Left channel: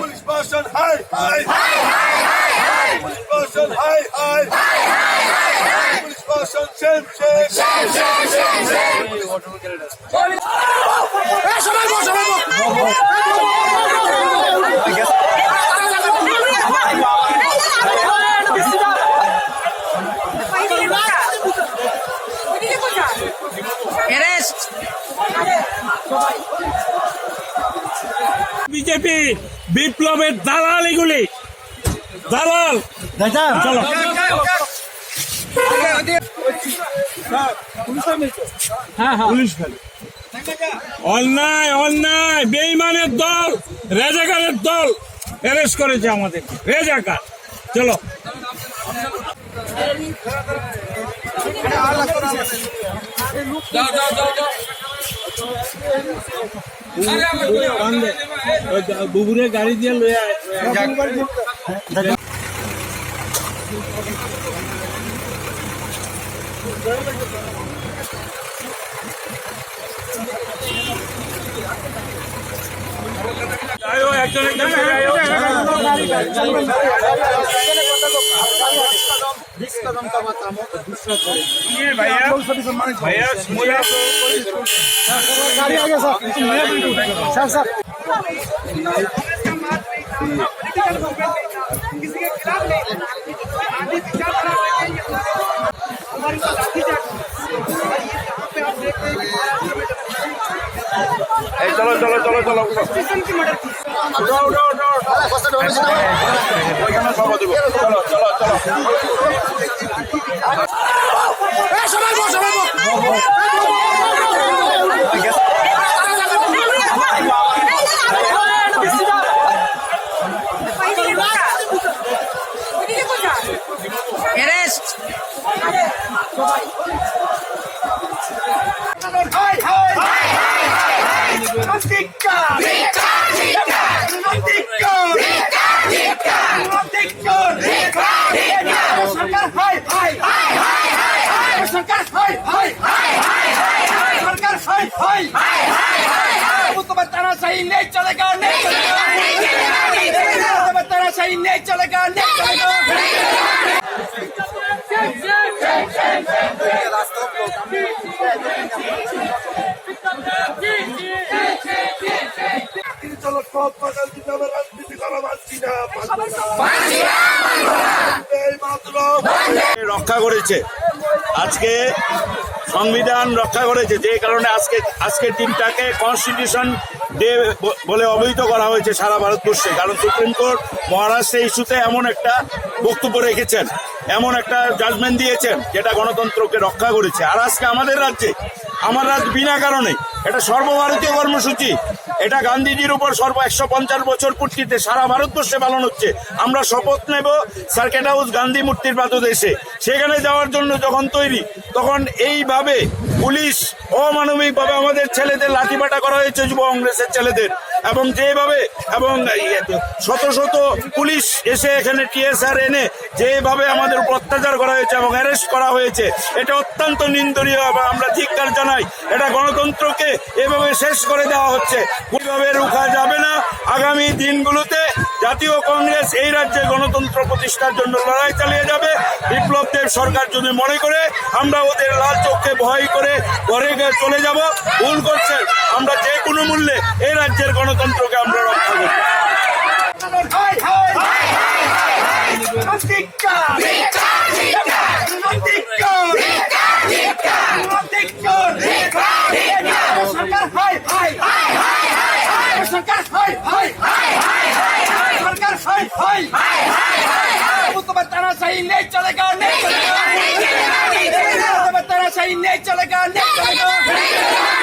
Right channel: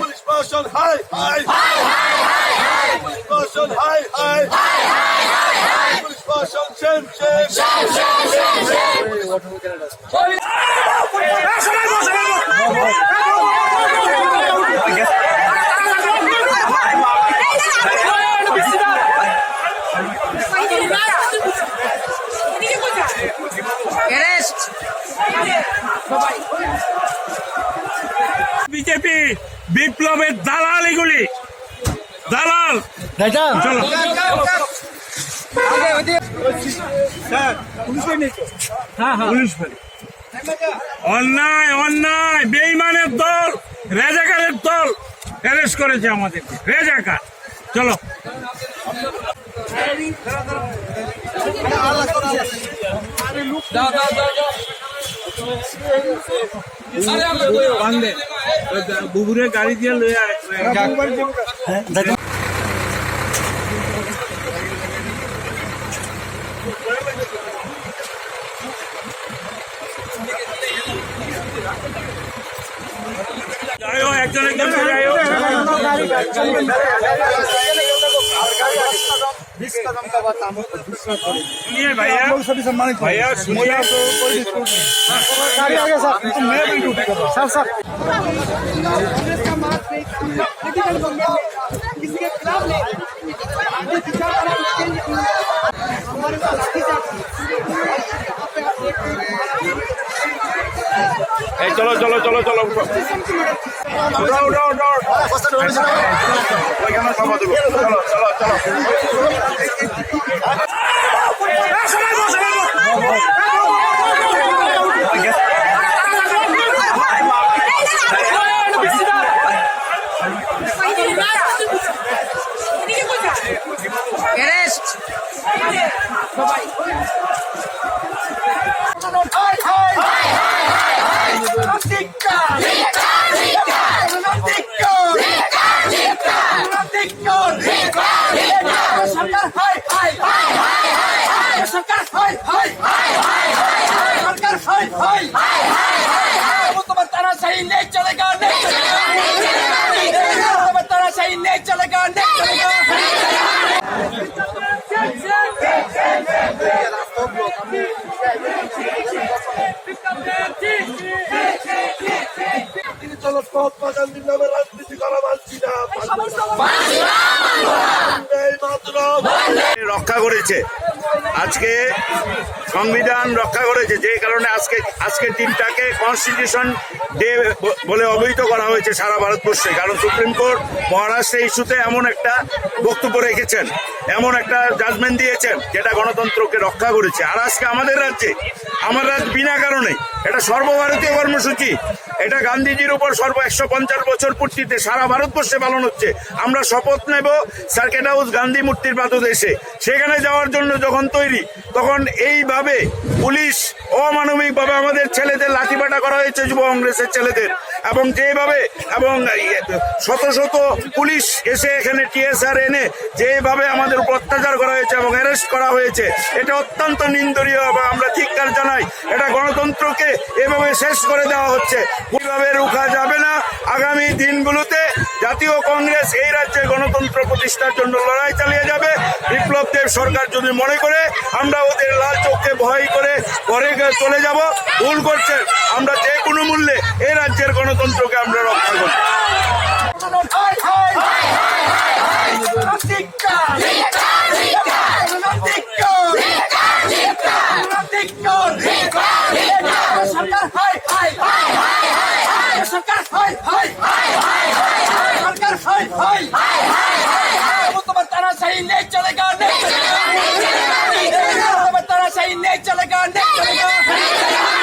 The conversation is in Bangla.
Police person, hi, hi. Police person, hi, hi. Police person, shame, BJP বিপ্লবের দালাল, এগুলি দালাল। চলো পুলিশ অন্যায় অন্যায় বেঈমানের দল, রেজাকারের দল অ্যারেস্ট করেছে আমাদেরকে, রেজাকার। চলো বুবুরের গাড়ি দিয়ে চলো চলো চলো চলো উঠাও উঠাও উঠাও ওইখানে সভা দেবো। চলো চলো চলো तुम्हारा तानाशाही नहीं चलेगा, नहीं चलेगा, तुम्हारा तानाशाही नहीं चलेगा, नहीं चलेगा। চলো সব গান্ধী নামে রাজনীতি করা মানছি না, রক্ষা করেছে আজকে সংবিধান রক্ষা করেছে, যে কারণে আজকের দিনটাকে কনস্টিটিউশন ডে বলে অবহিত করা হয়েছে সারা ভারতবর্ষে। কারণ সুপ্রিম কোর্ট মহারাষ্ট্রের ইস্যুতে এমন একটা বক্তব্য রেখেছেন, এমন একটা জাজমেন্ট দিয়েছেন যেটা গণতন্ত্রকে রক্ষা করেছে। আর আজকে আমাদের রাজ্যে, আমার রাজ্য বিনা কারণে এটা সর্বভারতীয় কর্মসূচি, এটা গান্ধীজির উপর 150 বছর পূর্তিতে সারা ভারতবর্ষে পালন হচ্ছে। আমরা শপথ নেব সার্কিট হাউস গান্ধী মূর্তির পাদদেশে, সেখানে যাওয়ার জন্য যখন তৈরি, তখন এইভাবে পুলিশ অমানবিকভাবে আমাদের ছেলেদের লাঠিপাটা করা হয়েছে, যুব কংগ্রেসের ছেলেদের, এবং যেভাবে এবং শত শত পুলিশ এসে এখানে টিএসআর এনে যেভাবে আমাদের উপর অত্যাচার করা হয়েছে এবং অ্যারেস্ট করা হয়েছে, এটা অত্যন্ত নিন্দনীয় এবং আমরা ধিক্কার জানাই। এটা গণতন্ত্রকে এভাবে শেষ করে দেওয়া হচ্ছে, কিভাবে রোখা যাবে না। আগামী দিনগুলোতে জাতীয় কংগ্রেস এই রাজ্যে গণতন্ত্র প্রতিষ্ঠার জন্য লড়াই চালিয়ে যাবে। বিপ্লব দেব সরকার যদি মনে করে আমরা ওদের লাল চোখে ভয় করে ঘরে চলে যাব, ভুল করছেন। আমরা যে কোনো মূল্যে এই রাজ্যের গণতন্ত্রকে আমরা রক্ষা করব। तुम्हारा तानाशाही नहीं चलेगा, नहीं चलेगा, तुम्हारा तानाशाही नहीं चलेगा, नहीं चलेगा।